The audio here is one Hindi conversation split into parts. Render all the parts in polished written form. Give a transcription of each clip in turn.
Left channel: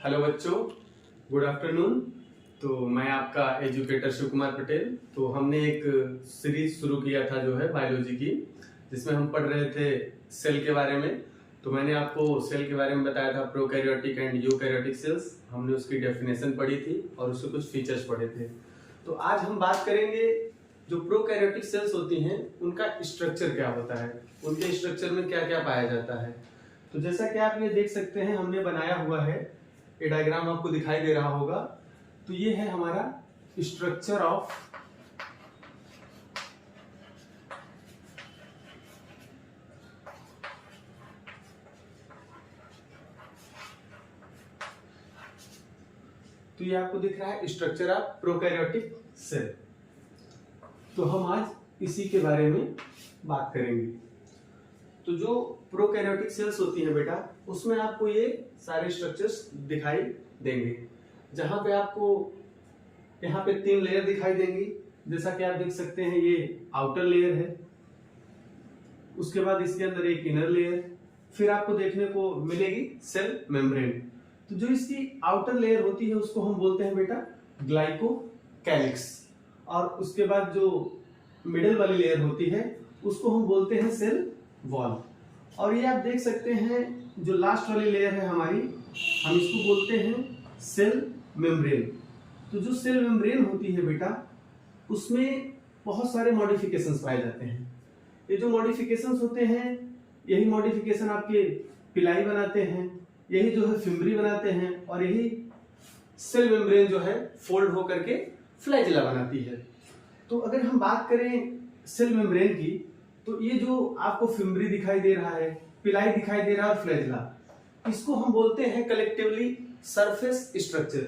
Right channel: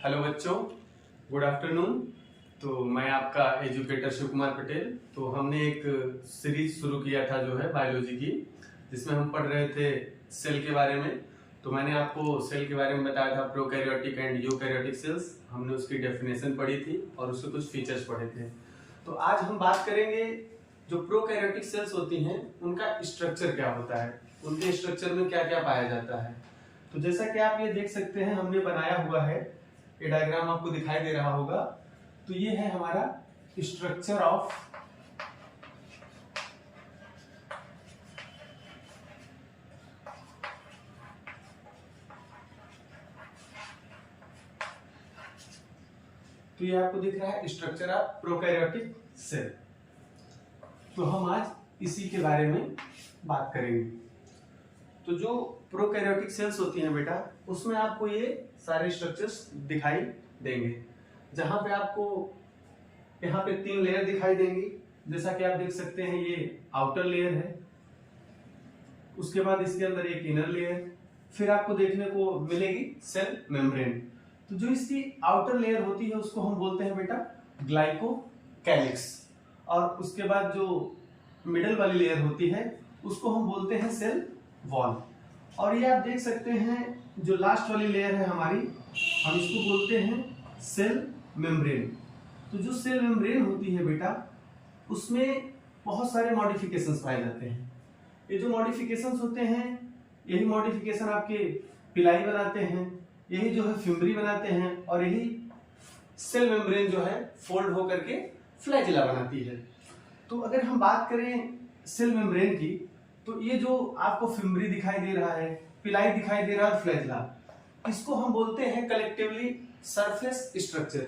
हेलो बच्चों, गुड आफ्टरनून। तो मैं आपका एजुकेटर शिव कुमार पटेल। तो हमने एक सीरीज शुरू किया था जो है बायोलॉजी की, जिसमें हम पढ़ रहे थे सेल के बारे में। तो मैंने आपको सेल के बारे में बताया था, प्रोकैरियोटिक एंड यूकैरियोटिक सेल्स। हमने उसकी डेफिनेशन पढ़ी थी और उसके कुछ फीचर्स पढ़े थे। तो आज हम बात करेंगे जो प्रोकैरियोटिक सेल्स होती हैं उनका स्ट्रक्चर क्या होता है, उनके स्ट्रक्चर में क्या क्या पाया जाता है। तो जैसा कि आप ये देख सकते हैं, हमने बनाया हुआ है, ये डायग्राम आपको दिखाई दे रहा होगा। तो ये है हमारा स्ट्रक्चर ऑफ तो ये आपको दिख रहा है स्ट्रक्चर ऑफ प्रोकैरियोटिक सेल। तो हम आज इसी के बारे में बात करेंगे। तो जो प्रोकैरियोटिक सेल्स होती हैं बेटा, उसमें आपको ये सारे स्ट्रक्चर्स दिखाई देंगे, जहां पे आपको यहाँ पे 3 लेयर दिखाई देंगी। जैसा कि आप देख सकते हैं, ये आउटर लेयर है, उसके बाद इसके अंदर एक इनर लेयर, फिर आपको देखने को मिलेगी सेल मेम्ब्रेन। तो जो इसकी आउटर लेयर होती है उसको हम बोलते हैं बेटा ग्लाइकोकैलिक्स, और उसके बाद जो मिडल वाली लेयर होती है उसको हम बोलते हैं सेल वॉल। और ये आप देख सकते हैं, जो लास्ट वाली लेयर है हमारी, हम इसको बोलते हैं सेल मेम्ब्रेन। तो जो सेल मेम्ब्रेन होती है बेटा, उसमें बहुत सारे मॉडिफिकेशंस पाए जाते हैं। ये जो मॉडिफिकेशंस होते हैं, यही मॉडिफिकेशन आपके पिलाई बनाते हैं, यही जो है फिम्बरी बनाते हैं, और यही सेल मेम्ब्रेन जो है फोल्ड होकर के फ्लैजिला बनाती है। तो अगर हम बात करें सेल मेम्ब्रेन की, तो ये जो आपको फिम्बरी दिखाई दे रहा है, पिलाई दिखाई दे रहा है और फ्लैजिला, इसको हम बोलते हैं कलेक्टिवली सरफेस स्ट्रक्चर।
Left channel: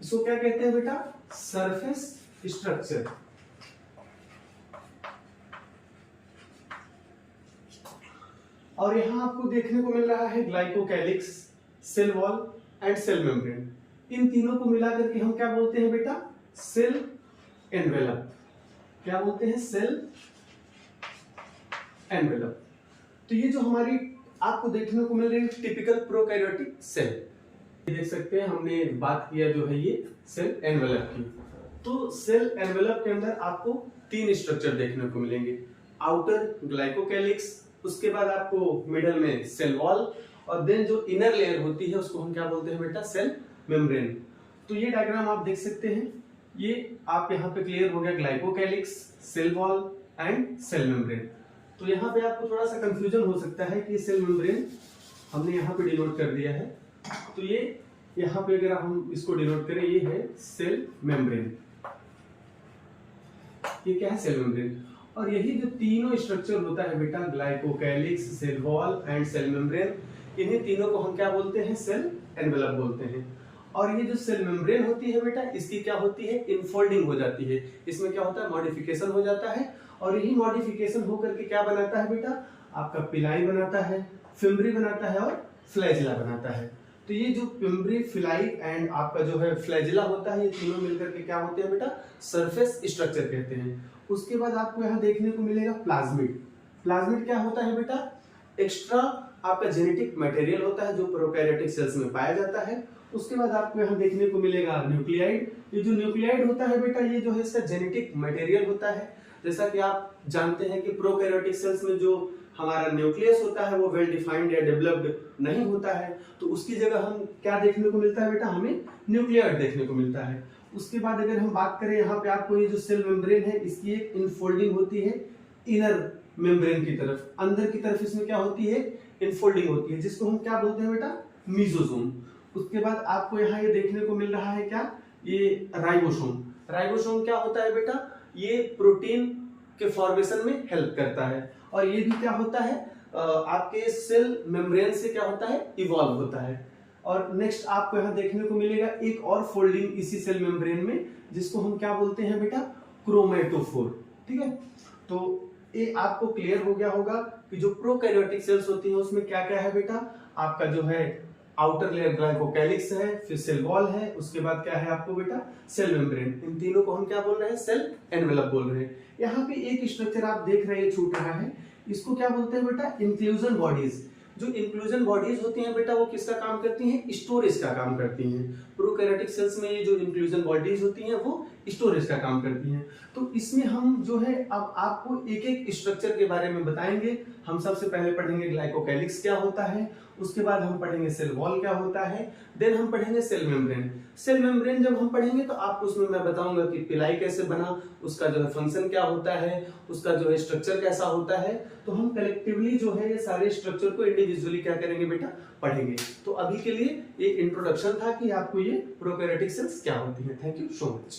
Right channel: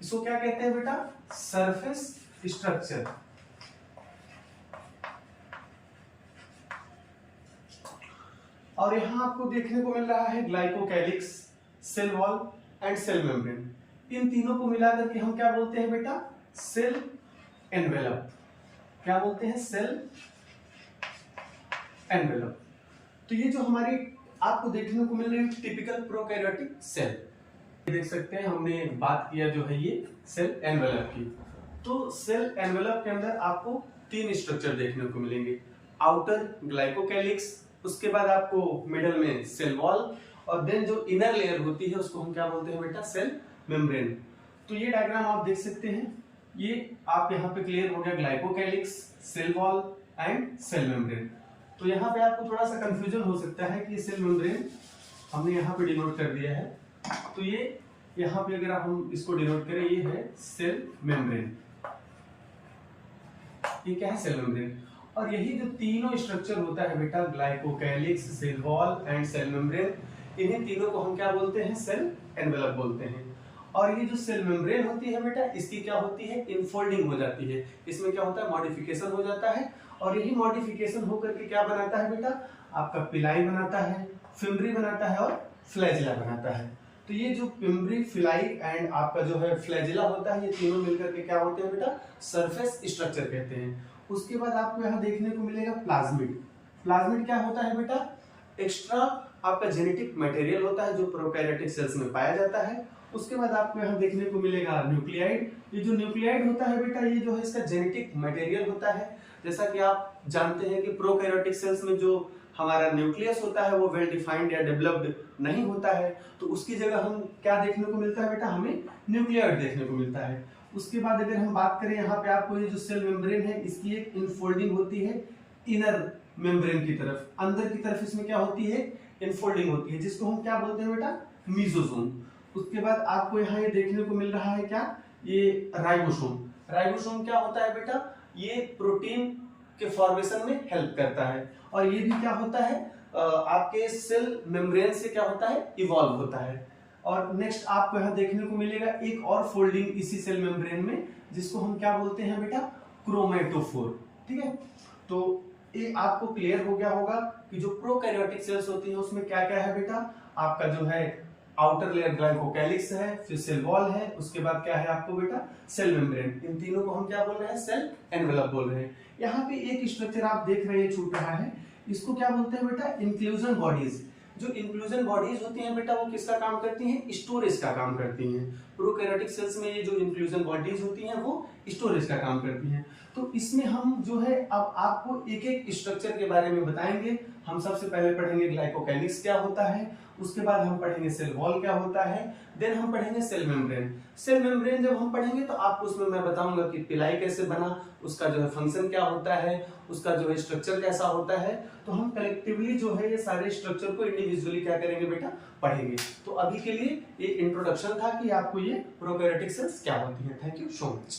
इसको क्या कहते हैं बेटा? Surface structure. और यहां आपको देखने को मिल रहा है glycocalyx, cell wall and cell membrane. इन तीनों को मिलाकर के हम क्या बोलते हैं बेटा? Cell envelope. क्या बोलते हैं? Cell envelope. तो ये जो हमारी आपको देखने को मिल रही है टिपिकल प्रोकैरियोटिक सेल, देख सकते हैं हमने बात किया जो है ये सेल एनवेलप की। तो सेल एनवेलप के अंदर आपको 3 स्ट्रक्चर देखने को मिलेंगे। आउटर ग्लाइकोकैलिक्स, उसके बाद आपको मिडल में सेल वॉल, और देन जो इनर लेयर होती है उसको हम क्या बोलते हैं बेटा? Cell membrane. तो ये डायग्राम आप देख सकते हैं, ये आप यहाँ पे क्लियर हो गया, glycocalyx, cell wall and cell membrane. तो यहाँ पे आपको थोड़ा सा कंफ्यूजन हो सकता है कि सेल मेम्ब्रेन हमने यहाँ पे डिनोट कर दिया है। तो ये यहाँ पे अगर हम इसको डिनोट करें, ये है सेल मेम्ब्रेन। ये क्या है? Cell membrane. और यही जो तीनों स्ट्रक्चर होता है बेटा, glycocalyx, cell wall and cell membrane, इन्हीं तीनों को हम क्या बोलते हैं? सेल एनवेलप बोलते हैं। और ये जो सेल मेम्ब्रेन होती है बेटा, इसकी क्या होती है? इनफोल्डिंग हो जाती है। इसमें क्या होता है? मॉडिफिकेशन हो जाता है, और यही मॉडिफिकेशन होकर के क्या बनाता है बेटा? आपका पिलाई बनाता है, फिम्बरी बनाता है और फ्लैजिला बनाता है। तो ये जो फिम्बरी, फिलाई एंड आपका जो है फ्लैजिला होता है, ये तीनों मिलकर के क्या होते हैं बेटा? सरफेस स्ट्रक्चर कहते हैं। उसके बाद आपको यहाँ देखने को मिलेगा प्लाज्मिड। प्लाज्मिड क्या होता है बेटा? एक्स्ट्रा आपका जेनेटिक मटेरियल होता है जो प्रोकैरियोटिक सेल्स में पाया जाता है। उसके बाद आपको यहाँ देखने को मिलेगा न्यूक्लियाइड। ये जो न्यूक्लियाइड होता है बेटा, ये जो है इसका जेनेटिक मटेरियल होता है। जैसा कि आप जानते हैं कि प्रोकैरियोटिक सेल्स में जो हमारा न्यूक्लियस होता है वो वेल डिफाइंड या डेवलप्ड नहीं होता है, तो उसकी जगह हम क्या देखने को मिलता है बेटा? हमें न्यूक्लियाइड देखने को मिलता है। उसके बाद अगर हम बात करें, यहाँ पे आपको ये जो सेल मेम्ब्रेन है, इसकी एक इनफोल्डिंग होती है इनर मेम्ब्रेन की तरफ, अंदर की तरफ इसमें क्या होती है? इनफोल्डिंग होती है, जिसको हम क्या बोलते हैं बेटा? मीजोसोम। उसके बाद आपको यहाँ ये देखने को मिल रहा है क्या? ये राइबोसोम। राइबोसोम क्या होता है बेटा? ये प्रोटीन के फॉर्मेशन में हेल्प करता है, और ये भी क्या होता है? आपके सेल मेम्ब्रेन से क्या होता है? इवॉल्व होता है। और नेक्स्ट आपको यहाँ देखने को मिलेगा एक और फोल्डिंग इसी सेल मेम्ब्रेन में, जिसको हम क्या बोलते हैं बेटा? क्रोमेटोफोर। ठीक है, तो ये आपको क्लियर हो गया होगा कि जो प्रोकैरियोटिक सेल्स होती हैं उसमें क्या क्या है बेटा? आपका जो है आउटर लेयर ग्लाइकोकैलिक्स है, फिर सेल वॉल है, उसके बाद क्या है आपको बेटा? Cell membrane. इन तीनों को हम क्या बोल रहे हैं? सेल एनवेलप बोल रहे हैं। यहाँ पे एक स्ट्रक्चर आप देख रहे हैं छूट रहा है, इसको क्या बोलते हैं बेटा? Inclusion bodies. जो इंक्लूजन बॉडीज होती हैं बेटा वो किसका काम करती हैं, स्टोरेज का काम करती हैं। प्रोकैरियोटिक सेल्स में ये जो इंक्लूजन बॉडीज होती हैं वो स्टोरेज का काम करती हैं। तो इसमें हम जो है अब आपको एक एक स्ट्रक्चर के बारे में बताएंगे। हम सबसे पहले पढ़ेंगे ग्लाइकोकैलिक्स क्या होता है, उसके बाद हम पढ़ेंगे सेल वॉल क्या होता है, देन हम पढ़ेंगे सेल मेम्ब्रेन। सेल मेम्ब्रेन जब हम पढ़ेंगे तो आपको उसमें मैं बताऊंगा कि पिलाई कैसे बना, उसका जो है फंक्शन क्या होता है, उसका जो है स्ट्रक्चर कैसा होता है। तो हम कलेक्टिवली जो है ये सारे स्ट्रक्चर को इंडिविजुअली क्या करेंगे बेटा, पढ़ेंगे। तो अभी के लिए ये इंट्रोडक्शन था कि आपको ये प्रोकैरियोटिक सेल्स क्या होती है। Thank you so much.